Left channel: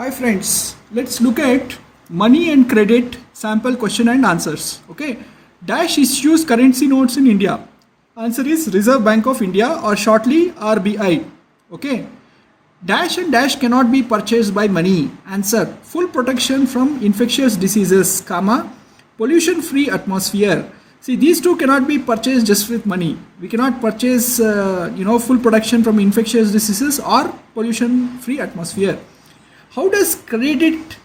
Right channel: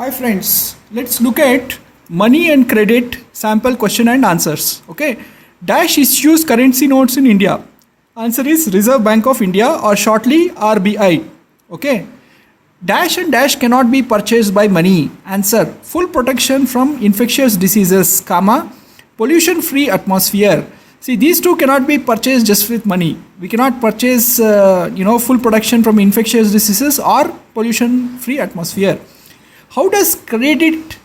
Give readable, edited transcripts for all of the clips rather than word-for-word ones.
Hi friends, let's look at money and credit sample question and answers. Okay, Dash issues currency notes in India. Answer is Reserve Bank of India or shortly RBI. Okay, Dash and Dash cannot be purchased by money. Answer full protection from infectious diseases, comma pollution free atmosphere. See, these two cannot be purchased just with money. We cannot purchase full protection from infectious diseases or pollution free atmosphere. How does credit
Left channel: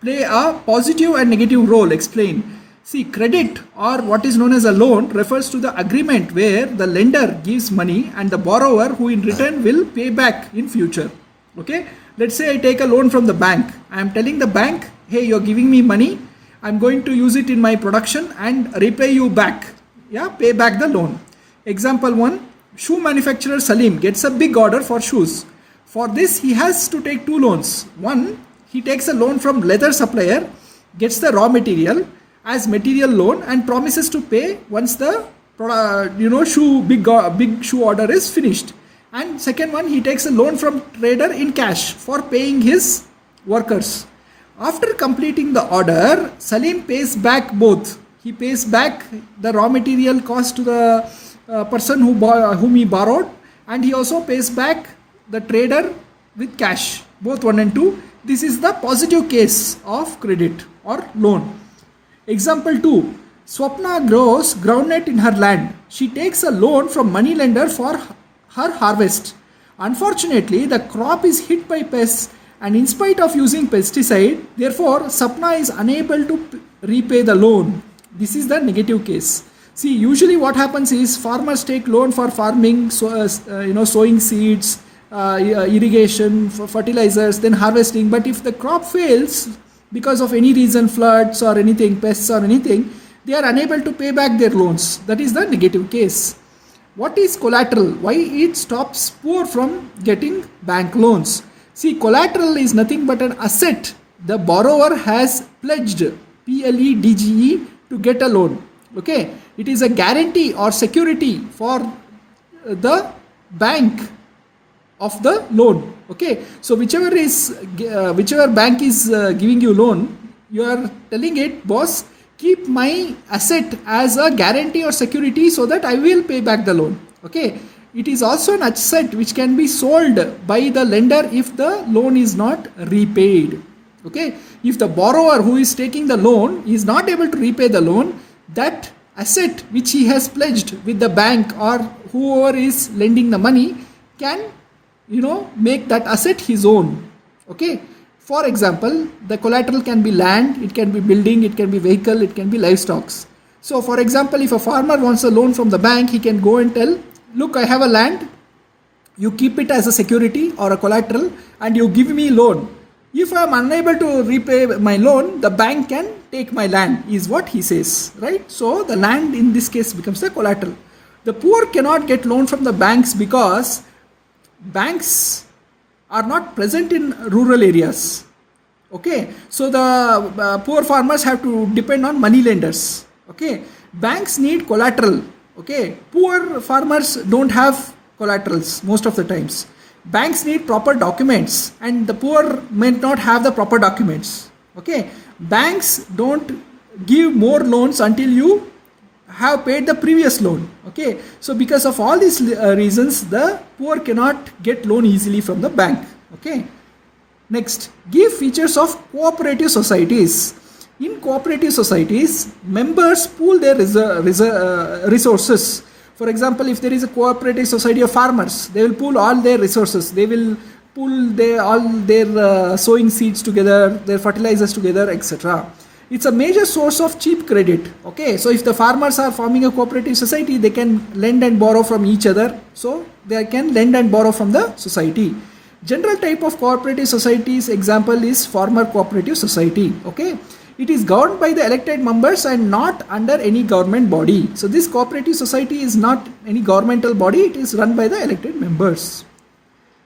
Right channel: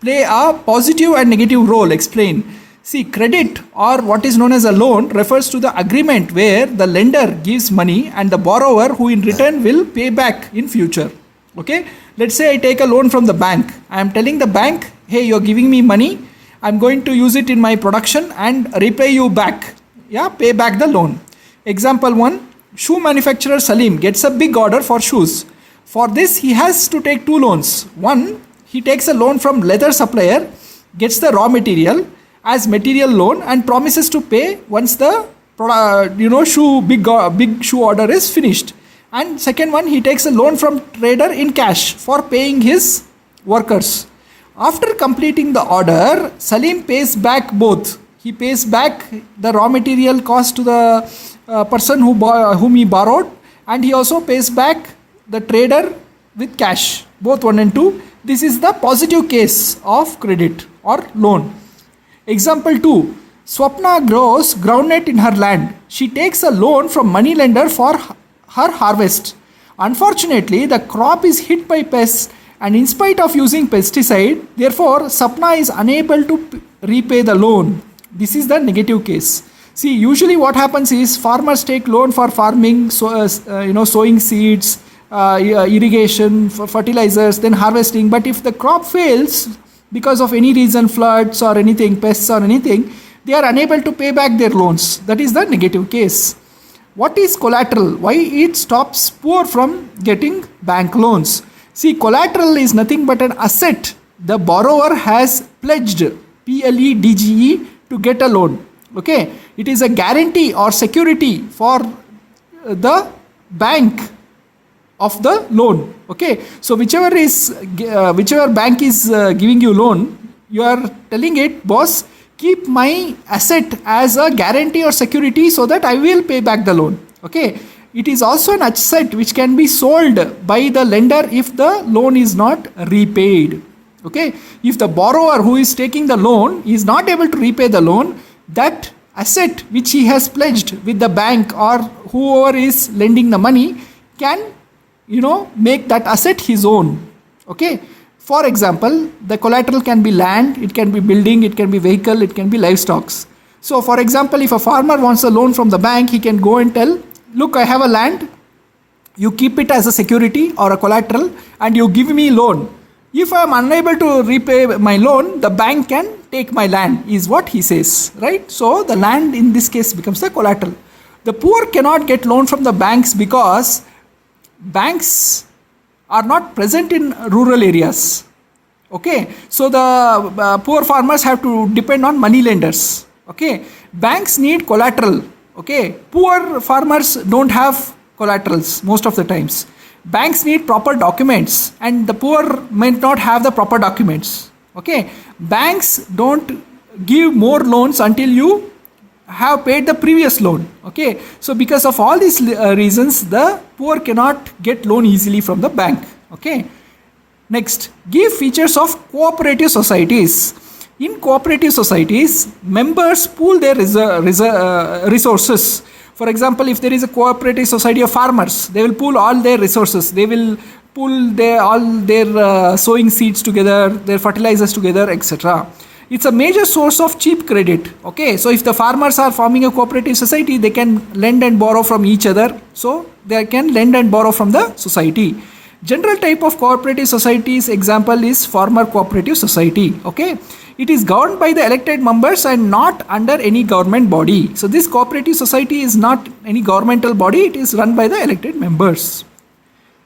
play a positive and negative role? Explain. See, credit or what is known as a loan refers to the agreement where the lender gives money and the borrower who in return will pay back in future. Okay, let's say I take a loan from the bank. I am telling the bank, hey, you're giving me money. I'm going to use it in my production and repay you back. Yeah, pay back the loan. Example 1, shoe manufacturer Salim gets a big order for shoes. For this, he has to take two loans. One, he takes a loan from leather supplier, gets the raw material as material loan and promises to pay once the big shoe order is finished. And second one, he takes a loan from trader in cash for paying his workers. After completing the order, Salim pays back both. He pays back the raw material cost to the person whom he borrowed, and he also pays back the trader with cash, both 1 and 2. This is the positive case of credit or loan. Example 2, Swapna grows groundnut in her land. She takes a loan from moneylender for her harvest. Unfortunately, the crop is hit by pests, and in spite of using pesticide, therefore Swapna is unable to repay the loan. This is the negative case. See, usually what happens is farmers take loan for farming, sowing seeds, irrigation, fertilizers, then harvesting. But if the crop fails because of any reason, floods or anything, pests or anything, they are unable to pay back their loans. That is the negative case. What is collateral? Why it stops poor from getting bank loans? See, collateral is nothing but an asset the borrower has pledged, PLEDGE, to get a loan. Okay, it is a guarantee or security for the bank of the loan. Okay, so whichever bank is giving you loan, you are telling it, boss, keep my asset as a guarantee or security so that I will pay back the loan. Okay, it is also an asset which can be sold by the lender if the loan is not repaid. Okay, if the borrower who is taking the loan is not able to repay the loan, that asset which he has pledged with the bank or whoever is lending the money can make that asset his own. Okay, for example, the collateral can be land, it can be building, it can be vehicle, it can be livestock. So for example, if a farmer wants a loan from the bank, he can go and tell, look, I have a land, you keep it as a security or a collateral and you give me loan. If I am unable to repay my loan, the bank can take my land, is what he says, right? So the land in this case becomes the collateral. The poor cannot get loan from the banks because banks are not present in rural areas. Okay, so the poor farmers have to depend on money lenders. Okay, banks need collateral. Okay, poor farmers don't have collaterals most of the times. Banks need proper documents and the poor may not have the proper documents. Okay, banks don't give more loans until you have paid the previous loan. Okay, so because of all these reasons, the poor cannot get loan easily from the bank. Okay, next, give features of cooperative societies. In cooperative societies, members pool their resources. For example, if there is a cooperative society of farmers, they will pool all their resources. They will pool all their sowing seeds together, their fertilizers together, etc. It's a major source of cheap credit. Okay, so if the farmers are forming a cooperative society, they can lend and borrow from each other. So they can lend and borrow from the society. General type of cooperative societies example is farmer cooperative society. Okay, it is governed by the elected members and not under any government body. So this cooperative society is not any governmental body. It is run by the elected members.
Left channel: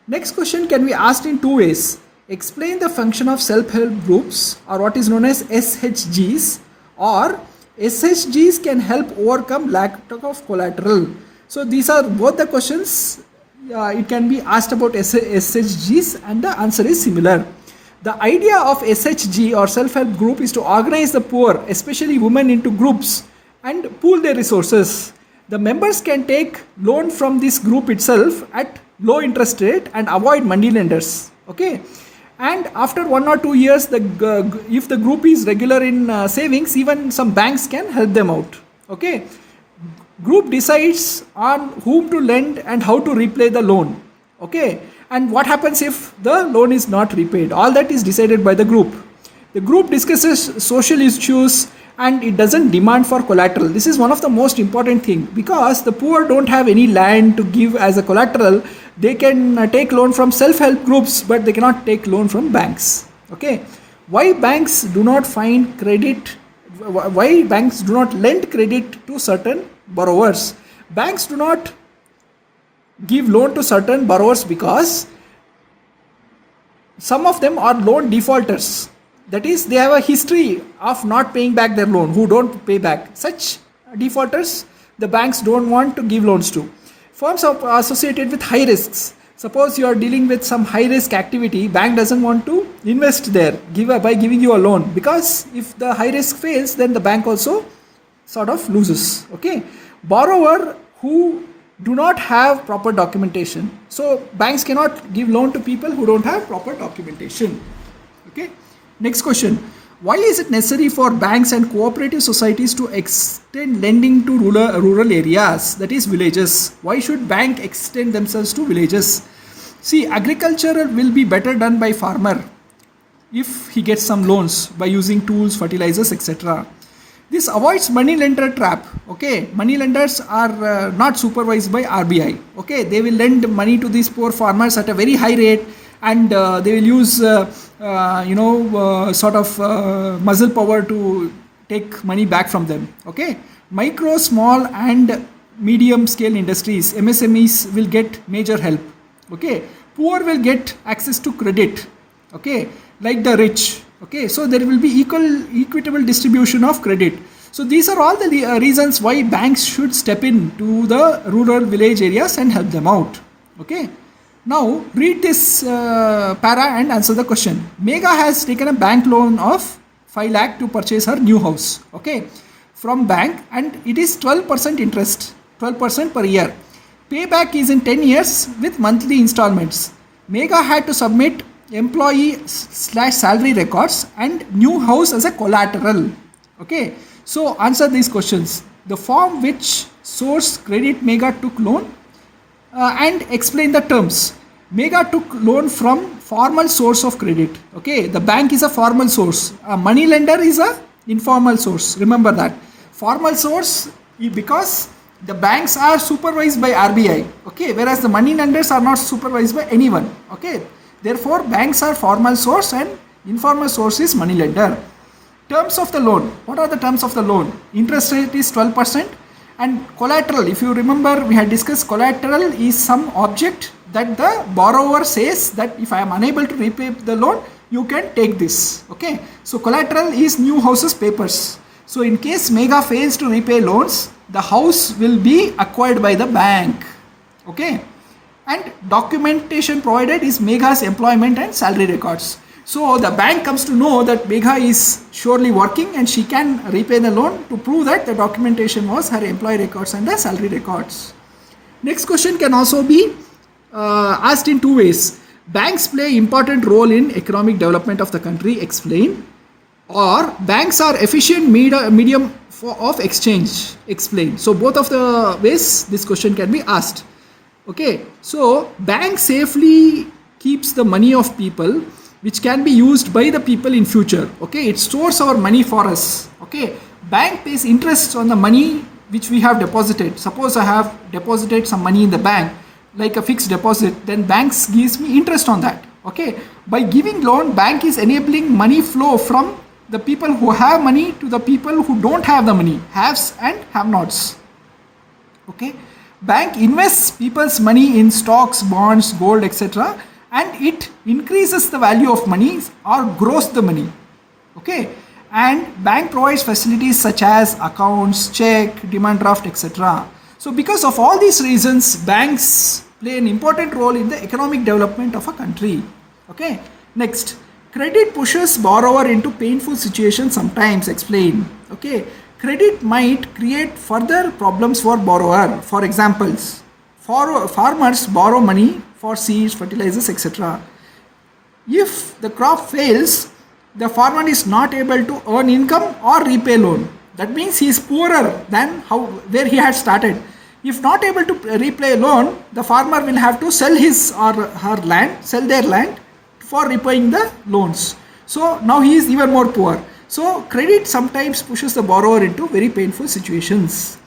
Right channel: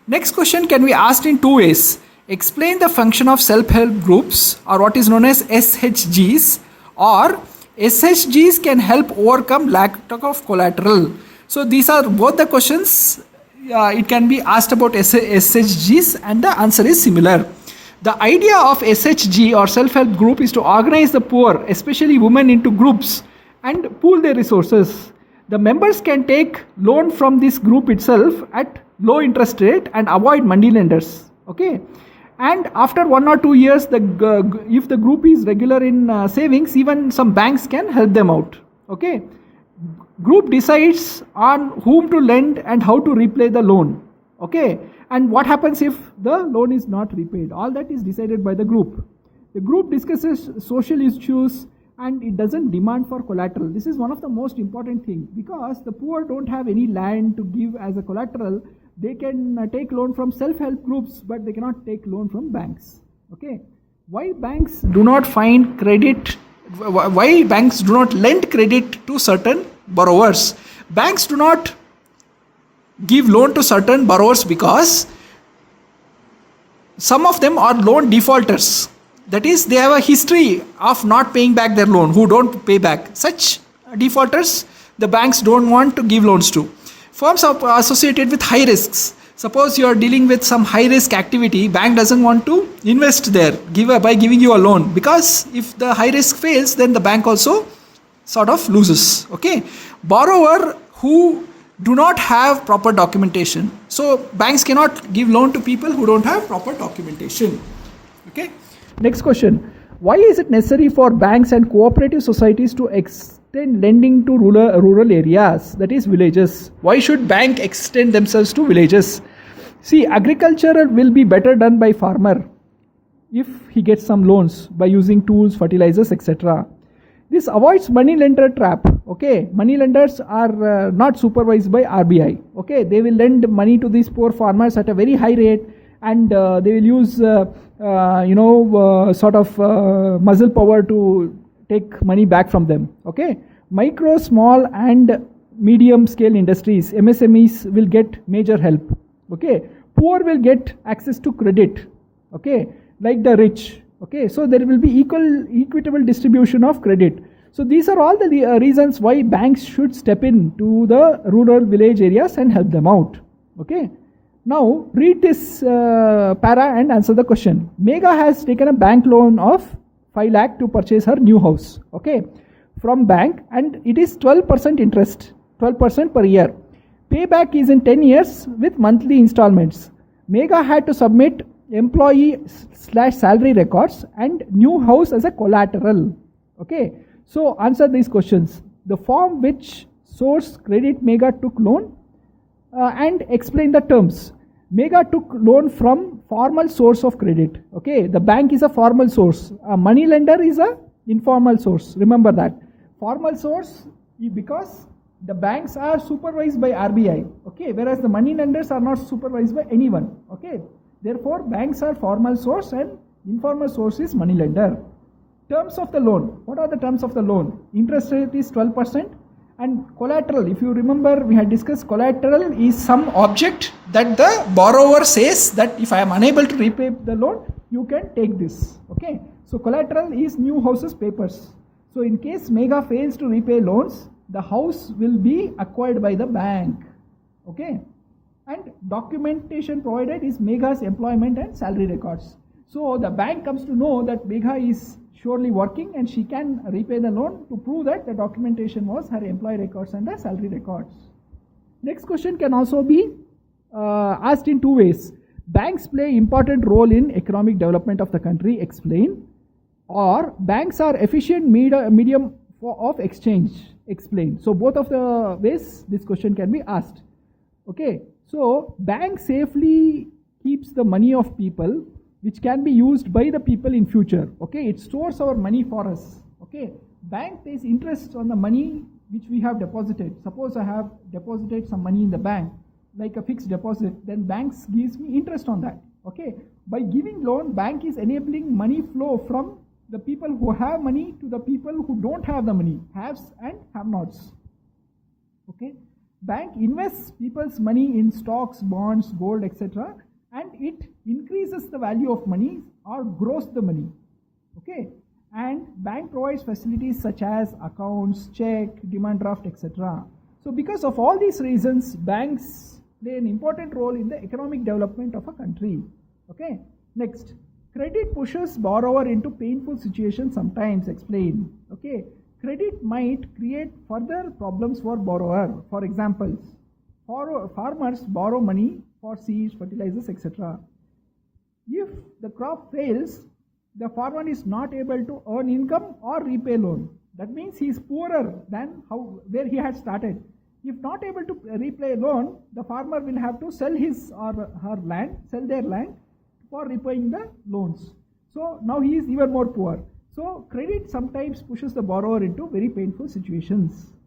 Next question can be asked in two ways. Explain the function of self-help groups or what is known as SHGs, or SHGs can help overcome lack of collateral. So these are both the questions. It can be asked about SHGs and the answer is similar. The idea of SHG or self-help group is to organize the poor, especially women, into groups and pool their resources. The members can take loan from this group itself at low interest rate and avoid money lenders. Okay, and after 1 or 2 years, if the group is regular in savings, even some banks can help them out. Okay, group decides on whom to lend and how to repay the loan. Okay, and what happens if the loan is not repaid? All that is decided by the group. The group discusses social issues and it doesn't demand for collateral. This is one of the most important thing, because the poor don't have any land to give as a collateral. They can take loan from self-help groups, but they cannot take loan from banks. Okay, why banks do not find credit? Why banks do not lend credit to certain borrowers? Banks do not give loan to certain borrowers because some of them are loan defaulters. That is, they have a history of not paying back their loan, who don't pay back. Such defaulters, the banks don't want to give loans to. Firms are associated with high risks. Suppose you are dealing with some high risk activity, bank doesn't want to invest there by giving you a loan, because if the high risk fails, then the bank also sort of loses. Okay, borrower who do not have proper documentation. So banks cannot give loan to people who don't have proper documentation. Okay. Next question. Why is it necessary for banks and cooperative societies to extend lending to rural areas, that is villages? Why should bank extend themselves to villages? See, agriculture will be better done by farmer if he gets some loans by using tools, fertilizers, etc. This avoids money lender trap. Okay, money lenders are not supervised by RBI. Okay, they will lend money to these poor farmers at a very high rate, and they will use muscle power to take money back from them. Okay, micro, small and medium scale industries, MSMEs, will get major help. Okay, poor will get access to credit. Okay, like the rich. Okay, so there will be equitable distribution of credit. So these are all the reasons why banks should step in to the rural village areas and help them out. Okay. Now read this para and answer the question. Megha has taken a bank loan of 5 lakh to purchase her new house. Okay, from bank, and it is 12% interest, 12% per year. Payback is in 10 years with monthly installments. Megha had to submit employee/salary records and new house as a collateral. Okay, so answer these questions. The form which source credit Megha took loan, and explain the terms. Megha took loan from formal source of credit. Okay, the bank is a formal source. A money lender is a informal source. Remember that. Formal source, because the banks are supervised by RBI. Okay, whereas the money lenders are not supervised by anyone. Okay, therefore banks are formal source and informal source is money lender. Terms of the loan. What are the terms of the loan? Interest rate is 12%. And collateral, if you remember, we had discussed collateral is some object that the borrower says that if I am unable to repay the loan, you can take this. Okay, so collateral is new house's papers. So in case Megha fails to repay loans, the house will be acquired by the bank. Okay, and documentation provided is Megha's employment and salary records. So the bank comes to know that Megha is surely working and she can repay the loan to prove that the documentation was her employee records and the salary records. Next question can also be asked in two ways. Banks play important role in economic development of the country, explain. Or banks are efficient medium of exchange, explain. So both of the ways this question can be asked. Okay, so bank safely keeps the money of people, which can be used by the people in future. Okay, it stores our money for us. Okay, bank pays interest on the money which we have deposited. Suppose I have deposited some money in the bank, like a fixed deposit, then banks gives me interest on that. Okay, by giving loan, bank is enabling money flow from the people who have money to the people who don't have the money, haves and have-nots. Okay, bank invests people's money in stocks, bonds, gold, etc., and it increases the value of money or grows the money. Okay, and bank provides facilities such as accounts, check, demand draft, etc. So because of all these reasons, banks play an important role in the economic development of a country. Okay, next, Credit pushes borrower into painful situations sometimes. Explain. Okay. Credit might create further problems for borrower. For examples, farmers borrow money for seeds, fertilizers, etc. If the crop fails, the farmer is not able to earn income or repay loan. That means he is poorer than where he had started. If not able to repay loan, the farmer will have to sell his or her land, sell their land for repaying the loans. So now he is even more poor. So credit sometimes pushes the borrower into very painful situations.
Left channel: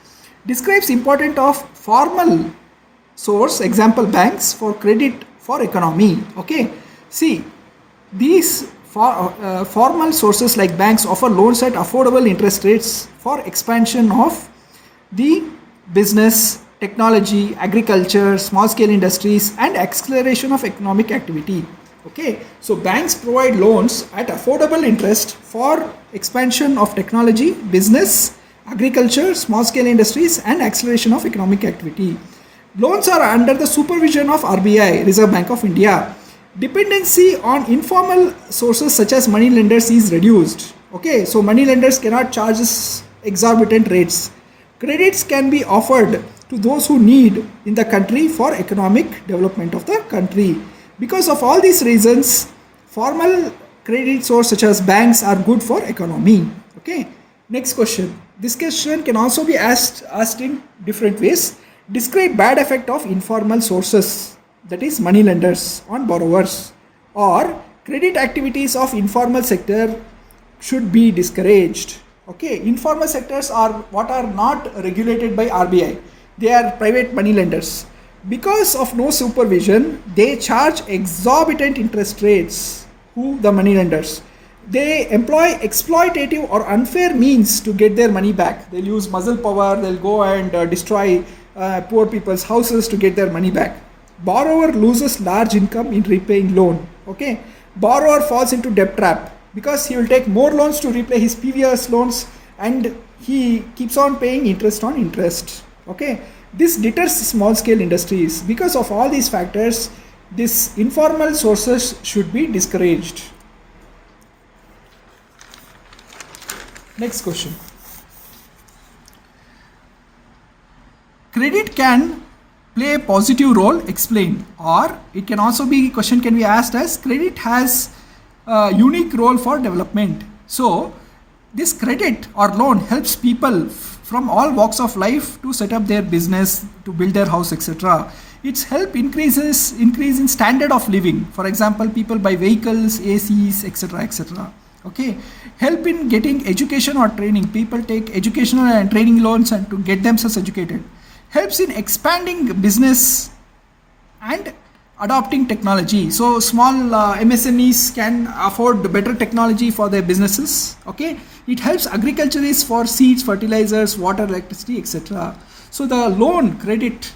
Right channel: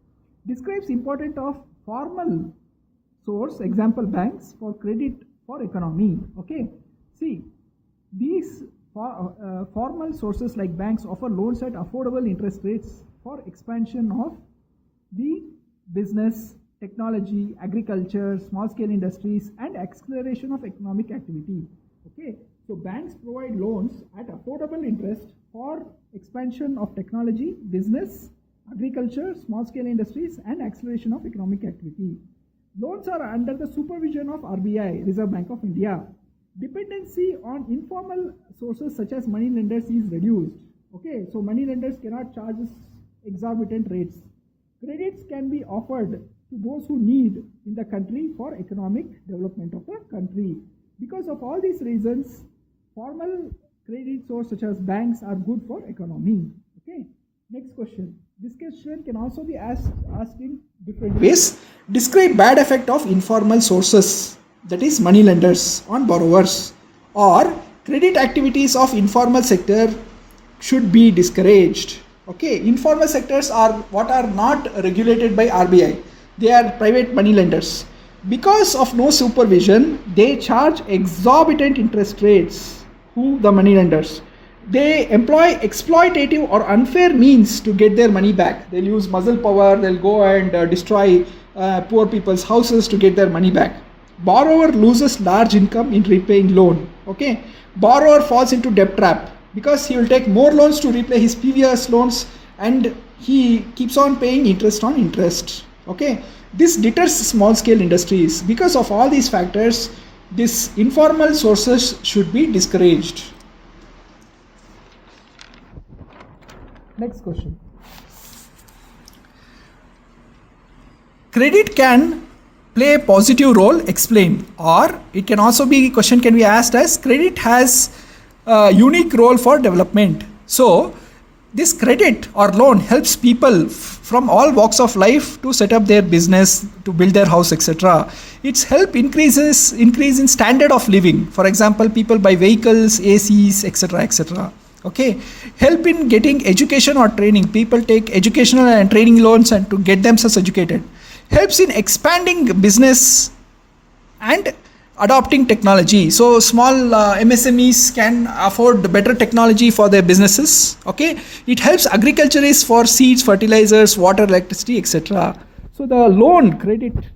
Describes importance of formal source, example banks, for credit for economy. Okay. See, these formal sources like banks offer loans at affordable interest rates for expansion of the business, technology, agriculture, small scale industries, and acceleration of economic activity. Okay, so banks provide loans at affordable interest for expansion of technology, business, agriculture, small scale industries, and acceleration of economic activity. Loans are under the supervision of RBI, Reserve Bank of India. Dependency on informal sources such as money lenders is reduced. Okay, so money lenders cannot charge exorbitant rates. Credits can be offered to those who need in the country for economic development of the country. Because of all these reasons, formal credit sources such as banks are good for economy. Okay. Next question. This question can also be asked in different ways. Describe bad effect of informal sources, that is money lenders, on borrowers, or credit activities of informal sector should be discouraged. Okay. Informal sectors are what are not regulated by RBI. They are private money lenders. Because of no supervision, they charge exorbitant interest rates. Who? The money lenders. They employ exploitative or unfair means to get their money back. They'll use muscle power, they'll go and destroy poor people's houses to get their money back. Borrower loses large income in repaying loan. Okay. Borrower falls into debt trap because he will take more loans to repay his previous loans and he keeps on paying interest on interest. Okay. This deters small scale industries. Because of all these factors, these informal sources should be discouraged. Next question. Credit can play a positive role, explain. Or it can also be, question can be asked as, credit has a unique role for development. So this credit or loan helps people from all walks of life to set up their business, to build their house, etc. Its help increase in standard of living. For example, people buy vehicles, ACs, etc., etc. Okay, help in getting education or training. People take educational and training loans and to get themselves educated. Helps in expanding business and adopting technology. So small MSMEs can afford better technology for their businesses. Okay, it helps agriculturists for seeds, fertilizers, water, electricity, etc. So the loan credit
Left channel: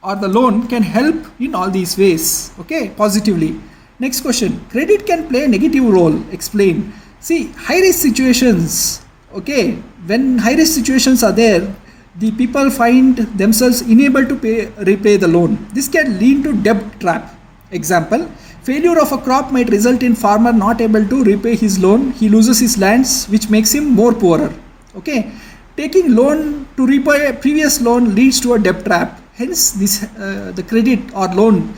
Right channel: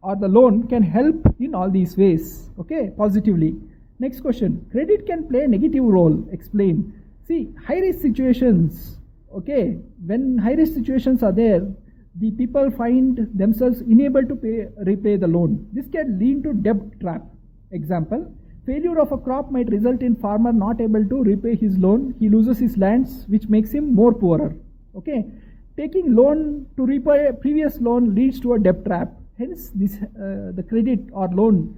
or the loan can help in all these ways. Okay, positively. Next question. Credit can play a negative role. Explain. See, high risk situations. Okay, when high risk situations are there, the people find themselves unable to repay the loan. This can lead to debt trap. Example, failure of a crop might result in farmer not able to repay his loan. He loses his lands, which makes him more poorer. Okay, taking loan to repay a previous loan leads to a debt trap. Hence, this the credit or loan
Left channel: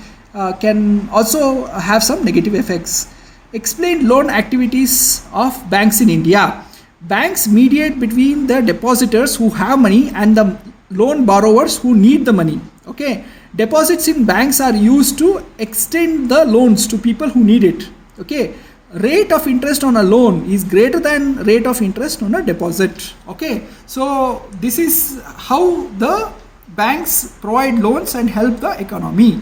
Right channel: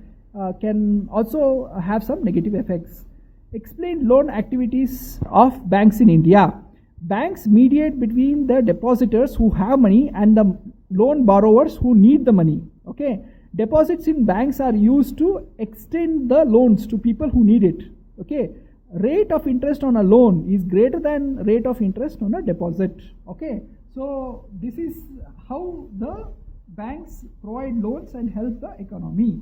can also have some negative effects. Explain loan activities of banks in India. Banks mediate between the depositors who have money and the loan borrowers who need the money. Okay, deposits in banks are used to extend the loans to people who need it. Okay, rate of interest on a loan is greater than rate of interest on a deposit. Okay, so this is how the banks provide loans and help the economy.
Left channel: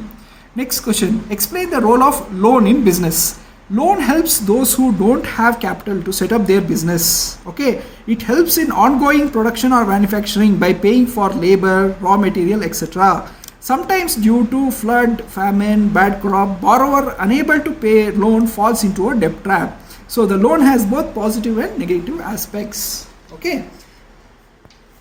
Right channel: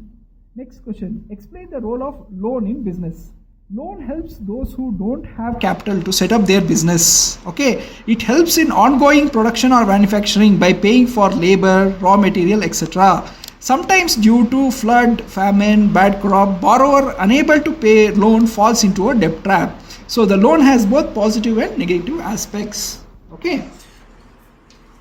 Next question. Explain the role of loan in business. Loan helps those who don't have capital to set up their business. Okay, it helps in ongoing production or manufacturing by paying for labor, raw material, etc. Sometimes due to flood, famine, bad crop, borrower unable to pay loan falls into a debt trap. So the loan has both positive and negative aspects. Okay.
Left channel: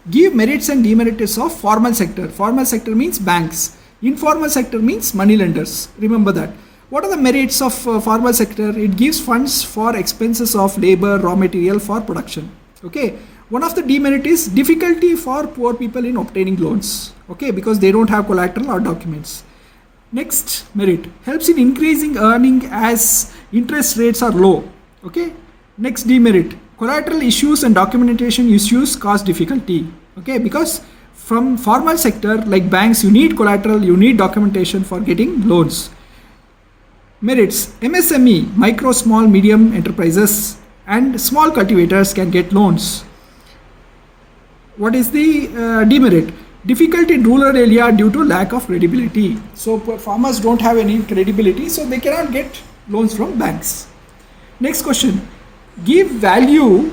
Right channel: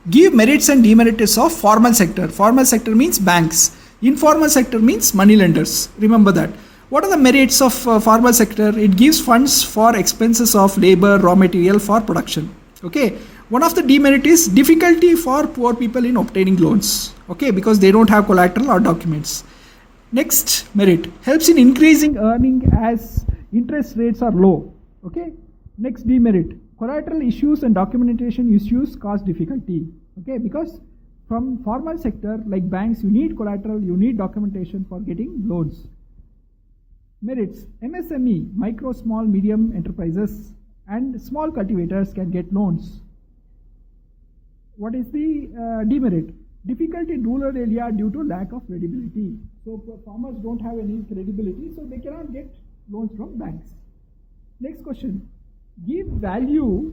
Give merits and demerits of formal sector. Formal sector means banks. Informal sector means money lenders. Remember that. What are the merits of formal sector? It gives funds for expenses of labor, raw material for production. Okay. One of the demerit is difficulty for poor people in obtaining loans. Okay, because they don't have collateral or documents. Next merit, helps in increasing earning as interest rates are low. Okay. Next demerit, collateral issues and documentation issues cause difficulty. Okay, because from formal sector like banks, you need collateral, you need documentation for getting loans. Merits, MSME, micro, small, medium enterprises and small cultivators can get loans. What is the demerit? Difficulty in rural area due to lack of credibility. So farmers don't have any credibility, so they cannot get loans from banks. Next question, give values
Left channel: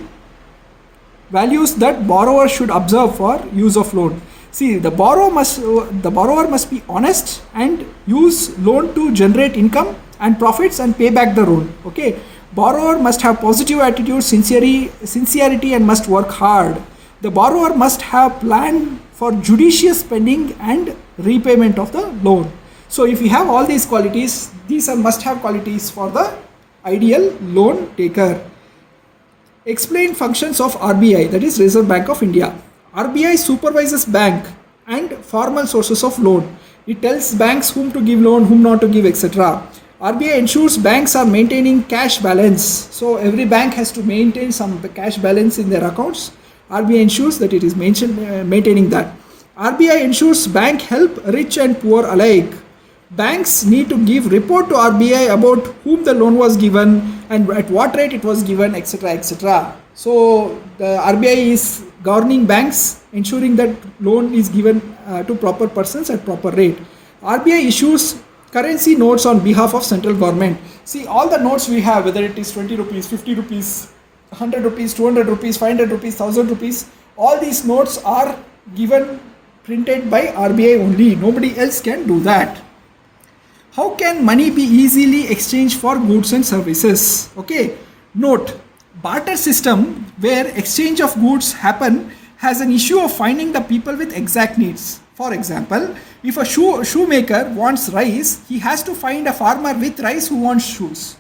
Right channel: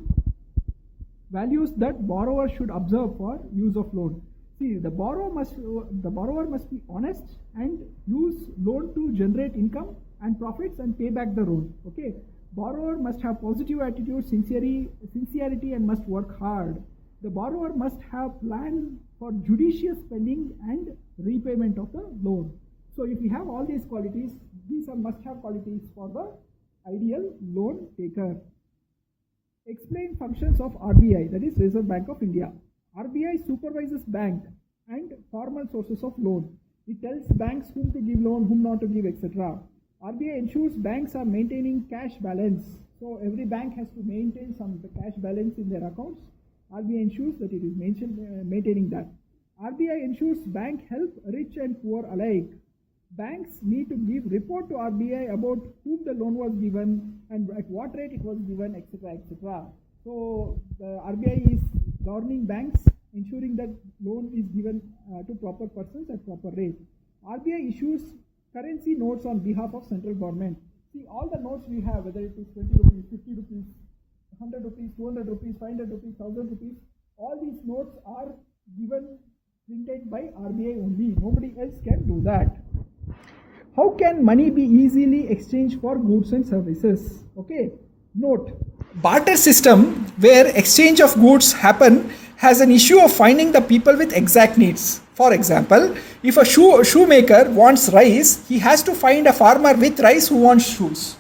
that borrower should observe for use of loan. See, the borrower must be honest and use loan to generate income and profits and pay back the loan. Okay, borrower must have positive attitude, sincerity and must work hard. The borrower must have planned for judicious spending and repayment of the loan. So if you have all these qualities, these are must-have qualities for the ideal loan taker. Explain functions of RBI, that is Reserve Bank of India. RBI supervises bank and formal sources of loan. It tells banks whom to give loan, whom not to give, etc. RBI ensures banks are maintaining cash balance. So every bank has to maintain some cash balance in their accounts. RBI ensures that it is maintaining that. RBI ensures bank help rich and poor alike. Banks need to give report to RBI about whom the loan was given and at what rate it was given, etc., etc. So the RBI is governing banks, ensuring that loan is given to proper persons at proper rate. RBI issues currency notes on behalf of central government. See, all the notes we have, whether it is 20 rupees, 50 rupees, 100 rupees, 200 rupees, 500 rupees, 1000 rupees, all these notes are given printed by RBI only. Nobody else can do that. How can money be easily exchanged for goods and services? Okay, note, barter system where exchange of goods happen has an issue of finding the people with exact needs. For example, if a shoemaker wants rice, he has to find a farmer with rice who wants shoes.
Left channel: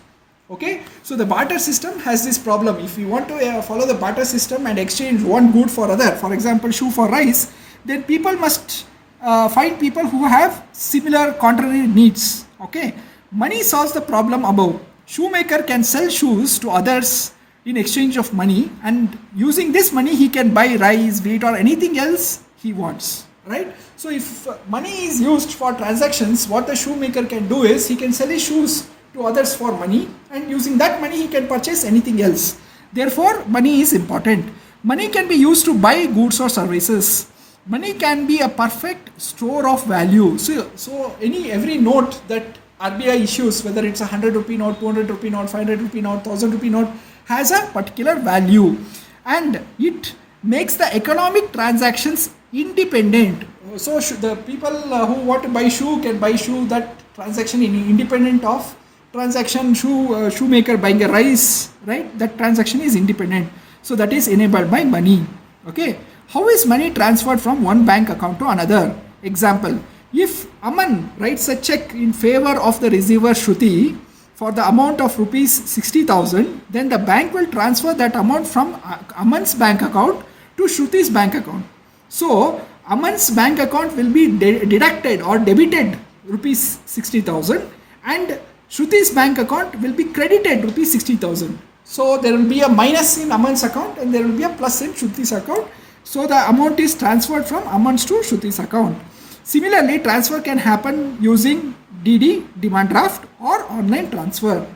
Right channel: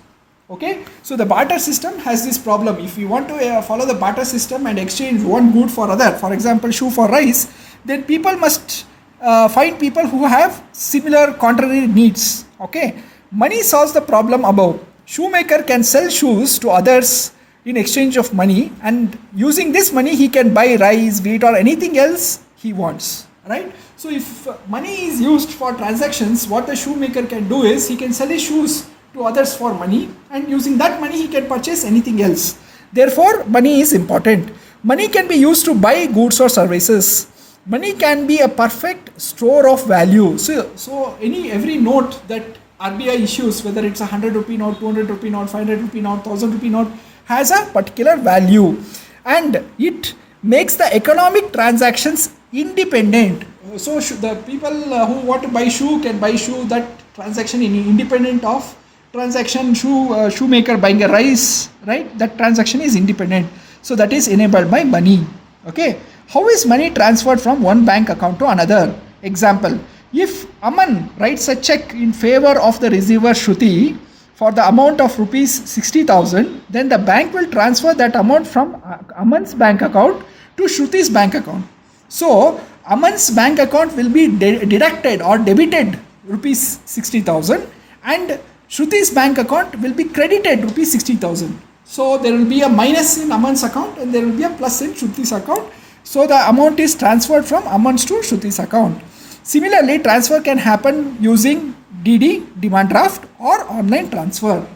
Okay, so the barter system has this problem. If you want to follow the barter system and exchange one good for other, for example, shoe for rice, then people must find people who have similar contrary needs. Okay, money solves the problem above. Shoemaker can sell shoes to others in exchange of money, and using this money he can buy rice, wheat or anything else he wants. Right? So if money is used for transactions, what the shoemaker can do is he can sell his shoes to others for money, and using that money he can purchase anything else. Therefore, money is important. Money can be used to buy goods or services. Money can be a perfect store of value. So every note that RBI issues, whether it's a 100 rupee note, 200 rupee note, 500 rupee note, 1000 rupee note, has a particular value, and it makes the economic transactions independent. So the people who want to buy shoe can buy shoe. That transaction is independent of transaction shoemaker buying a rice, right? That transaction is independent. So that is enabled by money. Okay. How is money transferred from one bank account to another? Example, if Aman writes a check in favor of the receiver Shruti for the amount of rupees 60,000, then the bank will transfer that amount from Aman's bank account to Shruti's bank account. So Aman's bank account will be deducted or debited rupees 60,000, and Shruti's bank account will be credited rupees 60,000. So there will be a minus in Aman's account and there will be a plus in Shruti's account. So the amount is transferred from Aman's to Shruti's account. Similarly, transfer can happen using DD, demand draft, or online transfer.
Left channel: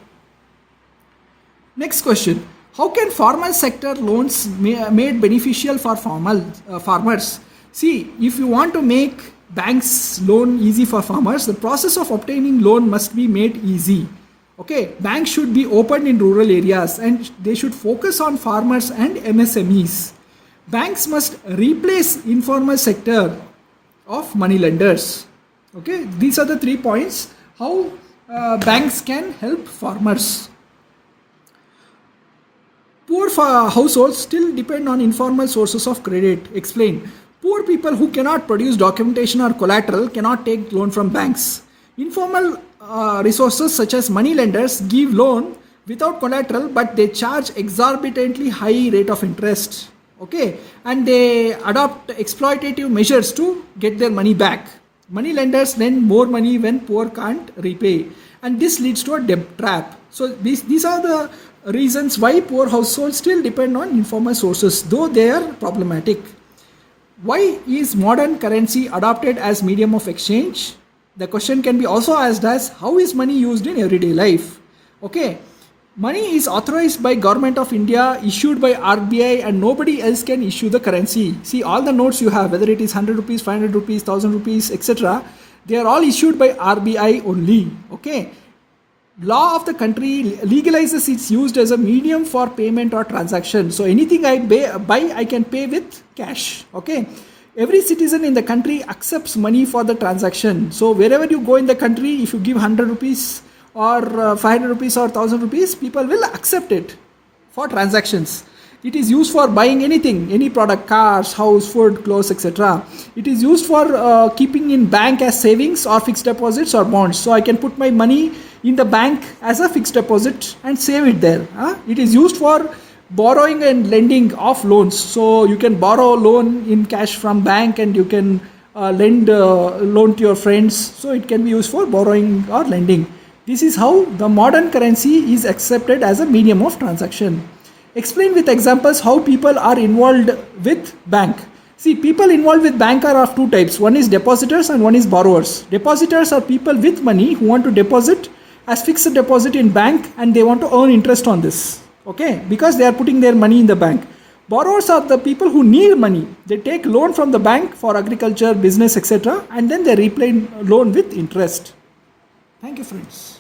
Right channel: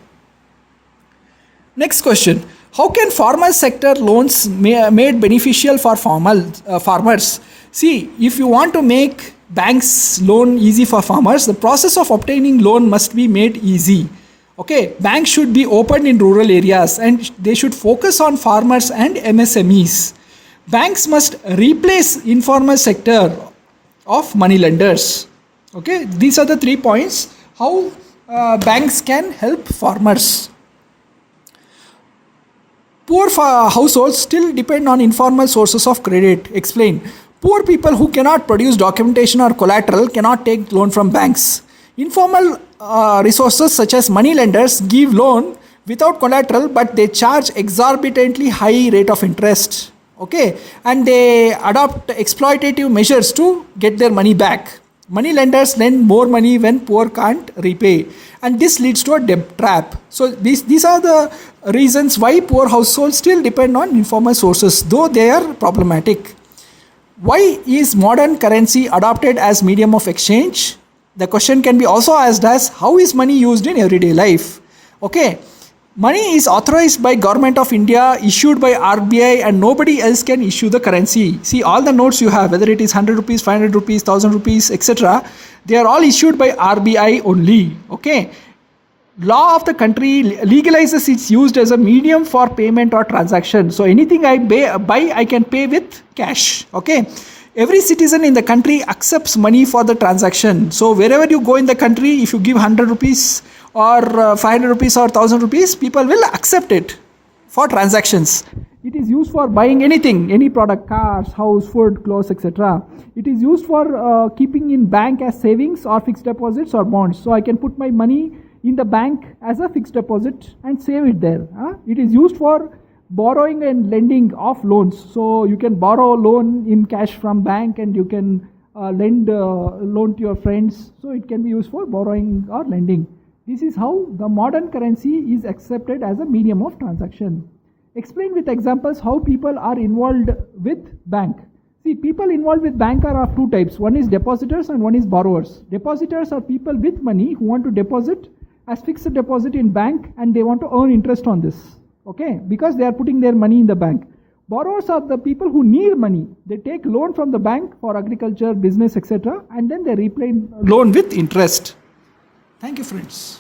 Next question. How can farmer sector loans made beneficial for farmers? See, if you want to make banks loan easy for farmers, the process of obtaining loan must be made easy. Okay, banks should be opened in rural areas and they should focus on farmers and MSMEs. Banks must replace informal sector of money lenders. Okay, these are the 3 points how banks can help farmers. Poor households still depend on informal sources of credit. Explain. Poor people who cannot produce documentation or collateral cannot take loan from banks. Informal resources such as money lenders give loan without collateral, but they charge exorbitantly high rate of interest. Okay, and they adopt exploitative measures to get their money back. Money lenders lend more money when poor can't repay, and this leads to a debt trap. So these are the reasons why poor households still depend on informal sources, though they are problematic. Why is modern currency adopted as medium of exchange? The question can be also asked as, how is money used in everyday life? Okay, money is authorized by Government of India, issued by RBI, and nobody else can issue the currency. See, all the notes you have, whether it is 100 rupees, 500 rupees, 1000 rupees, etc., they are all issued by RBI only. Okay, law of the country legalizes its used as a medium for payment or transaction. So anything I buy, I can pay with cash. Okay, every citizen in the country accepts money for the transaction. So wherever you go in the country, if you give 100 rupees or 500 rupees or 1000 rupees, people will accept it for transactions. It is used for buying anything, any product, cars, house, food, clothes, etc. It is used for keeping in bank as savings or fixed deposits or bonds. So I can put my money in the bank as a fixed deposit and save it there. It is used for borrowing and lending of loans. So you can borrow loan in cash from bank, and you can lend loan to your friends. So it can be used for borrowing or lending. This is how the modern currency is accepted as a medium of transaction. Explain with examples how people are involved with bank. See, people involved with bank are of two types. One is depositors and one is borrowers. Depositors are people with money who want to deposit as fixed deposit in bank, and they want to earn interest on this. Okay, because they are putting their money in the bank. Borrowers are the people who need money. They take loan from the bank for agriculture, business, etc., and then they repay loan with interest. Thank you, friends.